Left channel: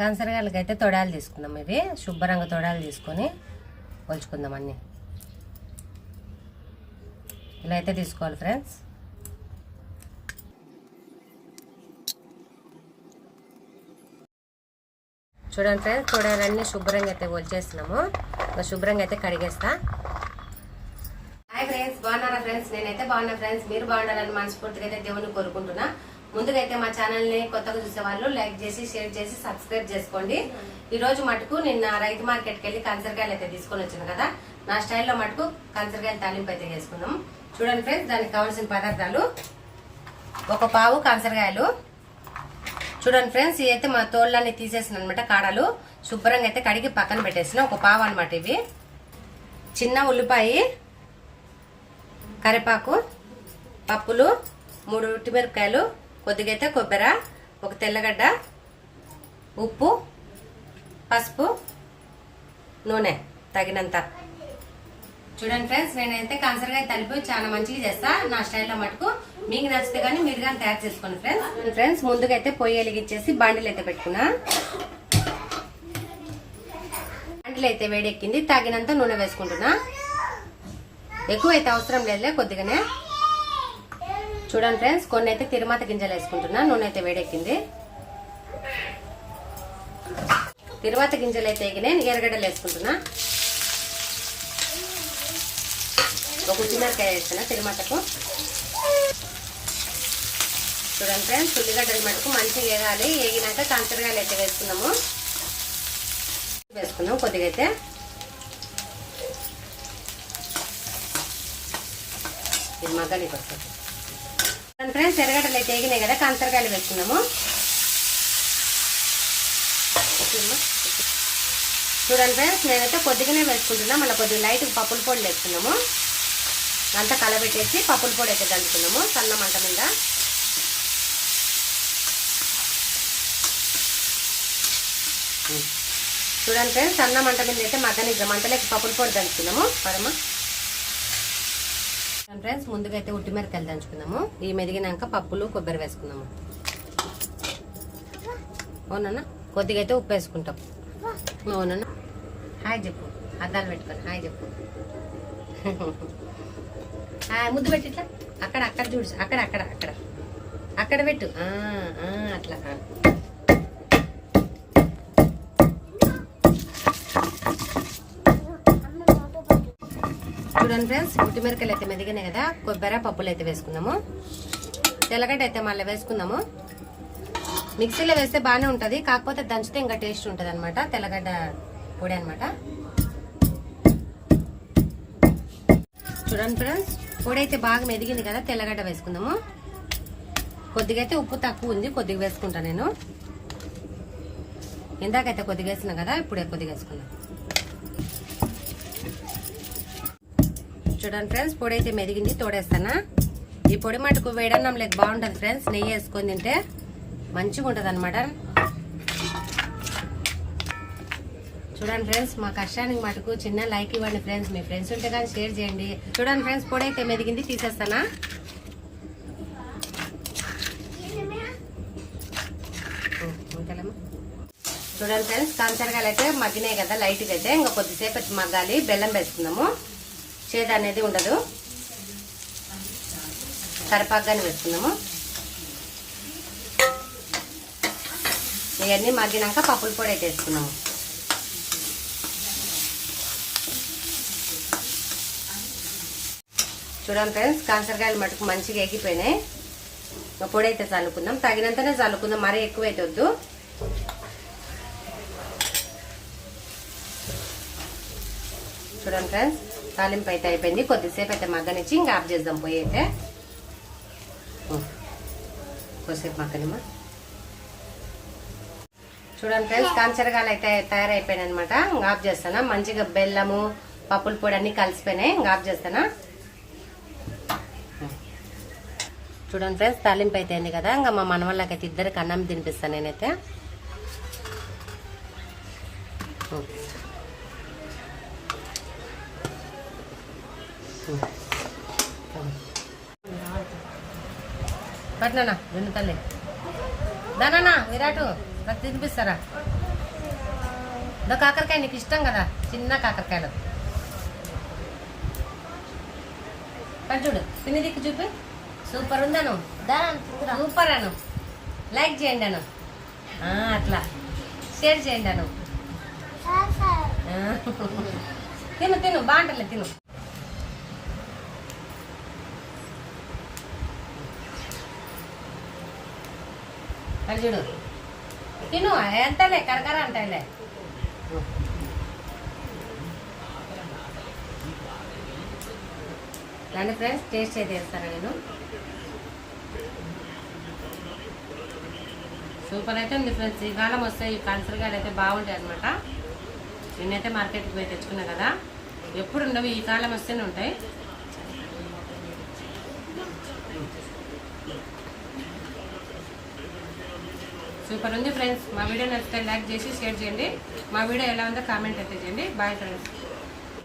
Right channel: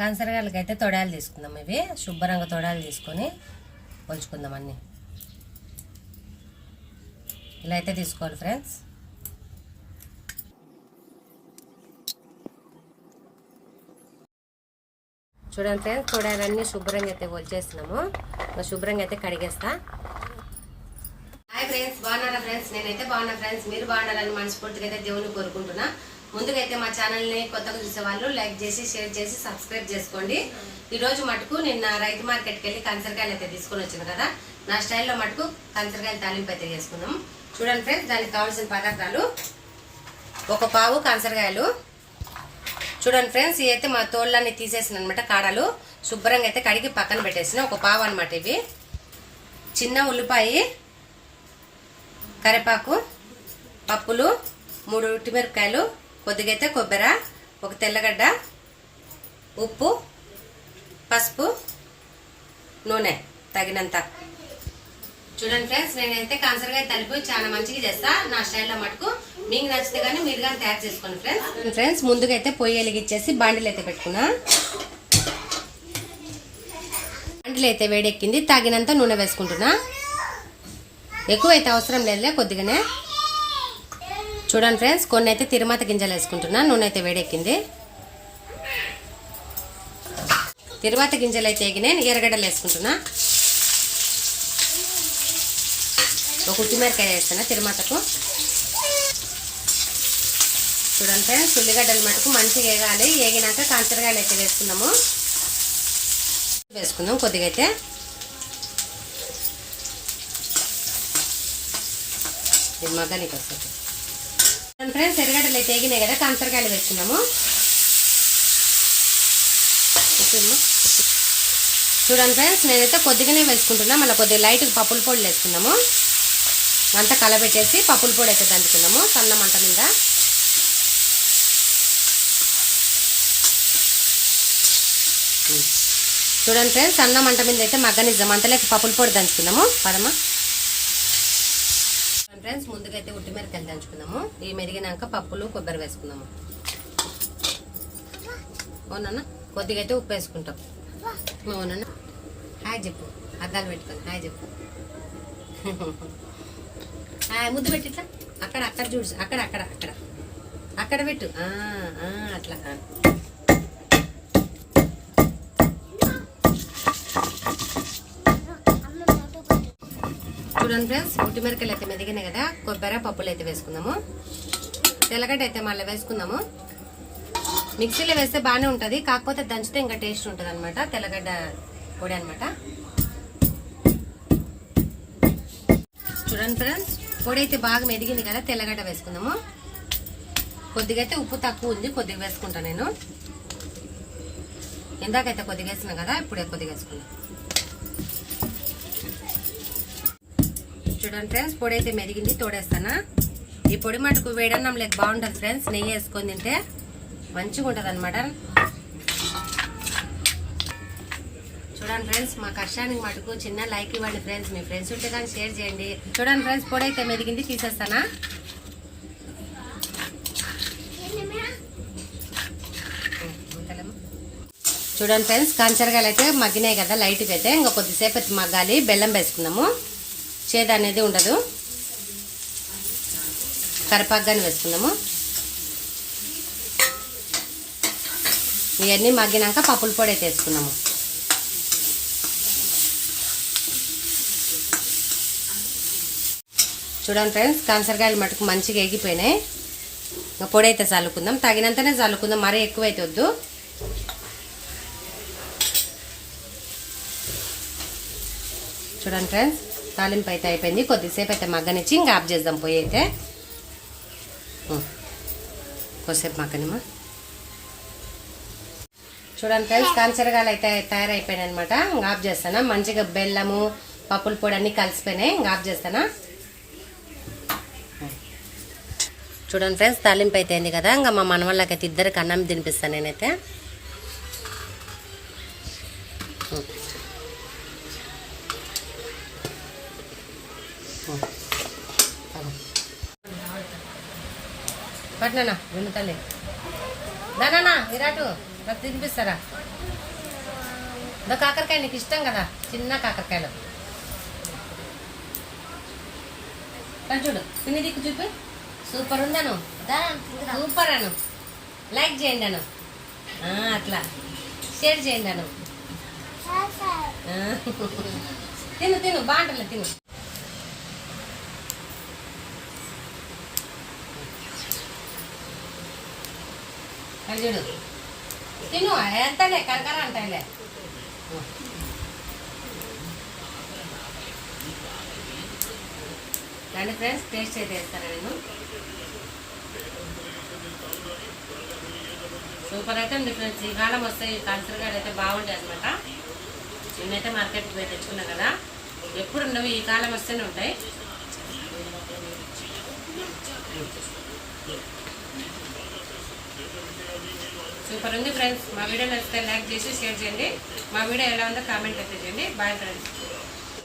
కాన్సరగాయలకైతే తొడాలు తీసుకుందాం. ఇవి శుభ్రంగా తొడాలు తీసుకొని ఒలుచుకుందాం. అన్నీ ఇలా అయితే తీసుకోవాలి ఫ్రెండ్స్. చూడండి ఫ్రెండ్స్, తొడాలన్నీ శుభ్రంగా అయితే ఒలిచేస్తున్నాము. శుభ్రంగా అయితే కడిగేస్తా. హాయ్ ఫ్రెండ్స్, బాగున్నారా ఫ్రెండ్స్? నేనైతే బాగున్నా ఫ్రెండ్స్. మీరు బాగున్నారని మనస్ఫూర్తిగా అయితే దేవుని కోరుకుంటున్నా. ముందుగా అయితే మా ఛానల్ని కొత్తగా చూసే వాళ్ళు లైక్ చేసి షేర్ చేసి సబ్స్క్రైబ్ చేసుకోండి. ఈ రోజు మటుకు నిన్న రైతు మార్కెట్కి వెళ్ళి కాన్సరకాయలు అయితే తీసుకొని వచ్చాను కదా. నా స్టైల్లో మటుకు కాన్సరకాయలు తాలింపు అయితే చేసుకున్నాం. చూడండి ఫ్రెండ్స్, దానికి కావాల్సిన పదార్థాలు: ఒక పావు కాన్సరకాయలు. చూడండి ఫ్రెండ్స్, ఇవి అయితే మా తోళ్ళని తీసేసిన అనమాట. కాడలు శుభ్రంగా అయితే కడిగి పక్కన పెట్టేసిన ఒక పావు అనమాట. ఇవి చిన్న ఉల్లిపాయ, కరివేపాకు, పప్పులు, 3 ఉట్టిమిరపకాయలు, కొద్దిగా అయితే కొబ్బరి, ఒక తెల్లగడ్డ, ఉప్పు, పసుపు, నూనె తగినంత. చూడండి ఫ్రెండ్స్, నేనైతే కాన్సరకాయ తలిపి చాలా మంచిగా చేస్తా నా స్టైల్లో మటుకు. మీకు నచ్చితే కానీ మీరు కానీ తయారు చేసుకోండి ఫ్రెండ్స్. ఫ్రెండ్స్, ముందుగా అయితే పొయ్యి వెలిగించేసి బాండిలు అయితే పెట్టుకున్నా. బాండిలు అయితే వేడెక్కింది. తగినంత నూనె వేసుకుంటున్నా. ఎక్కువ అయితే అవసరం లేదులే, కొద్దిగానే. చూడండి ఫ్రెండ్స్, కొన్ని అయితే తిరుమత గింజలు వేసుకుంటున్నా. నూనె అయితే వేడెక్కింది. తిరుమత గింజలు అయితే ఎగినాయి. ఎర్రగడ్డలు వేసుకుంటున్నా. ఒక ఉల్లిమిరపకాయ వేస్తున్నా తిరుమతకు. చూడండి ఫ్రెండ్స్, ఉల్లిగడ్డలు మటుకు మంచిగా వేగాలి. వేగినాక కాన్సరకాయలు అయితే వేసుకుందాం కొద్దిగా అయితే. మగ్గనికి వస్తుంది. ఫ్రెండ్స్, ఎర్రగడ్డలు అయితే వేగినాయి కదా, కాన్సరకాయలు వేసుకున్నాము. చూడండి ఫ్రెండ్స్, నేనైతే కొద్దిగానే వేసుకుంటున్నా. మళ్ళీ కొద్దిగా లైట్గా పప్పుల పొడి వేసుకున్నాము. అంతా కలబెట్టేసి పప్పుల పొడి అయితే దంచుకున్నాము సన్న మంట మీద. చూడండి ఫ్రెండ్స్, సన్న మంట మీద అయితే మగ్గనిద్దాం. అంతలేక పప్పుల పొడి దంచుకున్నాము. పరమ ఫ్రెండ్స్, ముందుగా అయితే ఉట్టిమిరపకాయలు దంచుకున్నాము. ఇవి మెరిగినాక పప్పులు, కొబ్బరి వేసుకున్నాము. అవునన్నా, కొద్దిగా అయితే ఉప్పు వేసుకుంటాం. అవునన్నా, హాయ్ చెప్పు. అద్దాలు పెట్టుకొని హాయ్ చెప్పు. ముద్దు పెట్టి ఇట్లా అక్కడ చూడు. అక్కడ పెట్టు. అట్లా. చూడండి ఫ్రెండ్స్, ఉట్టిమిరపకాయలు అయితే మెదిగినాయి కదా. కొబ్బరి, పప్పులు అయితే వేసుకుందాము. తెల్లగడ్డ అయితే మళ్ళీ వేసుకుందాము. మిక్సీలో వేస్తే బాగానే ఉంటుంది, కాకపోతే దంచితే ఇంకా టేస్ట్ ఉంటుంది అనమాట. తెల్లగడ్డ పొడి అనమాట. చూడండి ఫ్రెండ్స్, పొడి అయితే బాగా మెదిగింది కదా. తెల్లగడ్డ వేసుకుందాము. కొద్దిగా అయితే ఉప్పు తక్కువ ఉంది, కొద్దిగా వేసుకుంటా నేను. ఇందాకైతే కొద్దిగా వేసినా కదా, ఇప్పుడే కొద్దిగా వేసుకున్నాం. చూడండి ఫ్రెండ్స్, పొడి అయితే మెదిగింది. తోడేస్తానా. ఈ పొడి మటుకు వేడన్నం లేక బాగుంటుంది ఫ్రెండ్స్. నెయ్యి వేసుకొని తింటే మంచిగా ఉంటుంది అనమాట. చూడండి ఫ్రెండ్స్, మా కష్టానికి మటుకు చిన్న లైక్ ఇవ్వండి ఫ్రెండ్స్. మీ ఫ్రెండ్స్ ఉంటే కానీ షేర్ చేయండి. చూడండి ఫ్రెండ్స్, పొడి అయితే మెదిగింది. తీసేస్తానా. చూడండి ఫ్రెండ్స్, కాన్సరకాయలు అయితే మగ్గినాయి కదా లైట్గా అయితే. ఇంకా కొద్దిసేపు అయితే మగ్గాలి. బెల్లం వేసుకుందాము, చేదు అనేది ఉండదు. కరివేపాకుగానే వేసుకుందాము. ఇవన్నీ మగ్గినాక పప్పుల పొడి అయితే వేసుకున్నాము. చూడండి ఫ్రెండ్స్, కాన్సరకాయలు మటుకు మంచిగా ఎగిపోయినాయి. ఇంకా పొడి అయితే చల్లుకుందాం. తగినంతనే చల్లుకుందాం, మరీ ఎక్కువైతే వద్దు. చూడండి ఫ్రెండ్స్, తాలింపు అయితే అయిపోయింది. కొద్దిసేపు అయితే మగ్గనిచ్చి ఇంకా ఆఫ్ చేద్దాం. పొయ్యి అయితే కొద్దిసేపు మగ్గనిమా. చూడండి ఫ్రెండ్స్, కాన్సరకాయలు అయితే తయారైపోయినాయి అనమాట. ఇంకా ఆఫ్ చేస్తానా. మంచిగా బెల్లము, పప్పుల పొడి అన్నీ కలిసిపోయినాయి. ఇంకా ఆఫ్ చేస్తానా. చూడండి ఫ్రెండ్స్, తాలింపు అయితే అయింది కదా. ఇంకా మా మనవాళ్ళకైతే ఇద్దరికి అన్నం తినిపిస్తాను నేనైతే. పట్నా విను తల్లి. దానా విరాటు నాకు తినిపిస్తారా? ఇదో కాకరకాయ నీకు ఇష్టం కదా, చిన్న కాకరకాయలు చూడు, తిని దిక్కు చూపి. సూపర్ ఉందను, సూపర్ అను, లైక్ చేయండి అను, అట్లా షేర్ చేయండి అను. తిను తిను, బాగుంటుంది తిను. అది చూడు, తిను, ఎంతలే కరకర అంటాయిలే. కానీ ఫ్రెండ్స్ టేస్ట్ అయితే వేస్తాను నేను. సూపర్ అయితే ఉంది ఫ్రెండ్స్. ఈ కాలం వస్తాయి ఈ కాల్సరగాయలు అయితే బాగుంటాయి అనమాట. నిన్నైతే మార్కెట్కి పోయి తెచ్చుకున్నా కదా, ఎప్పుడు ఉండవు, ఈ కాలం వస్తేనే ఉంటాయి. సూపర్ ఉంది ఫ్రెండ్స్. మా వీడియో నచ్చితే లైక్ చేసి షేర్ చేయండి. మా వీడియో ఎలా ఉందో కామెంట్ అయితే చేయండి. Bye friends.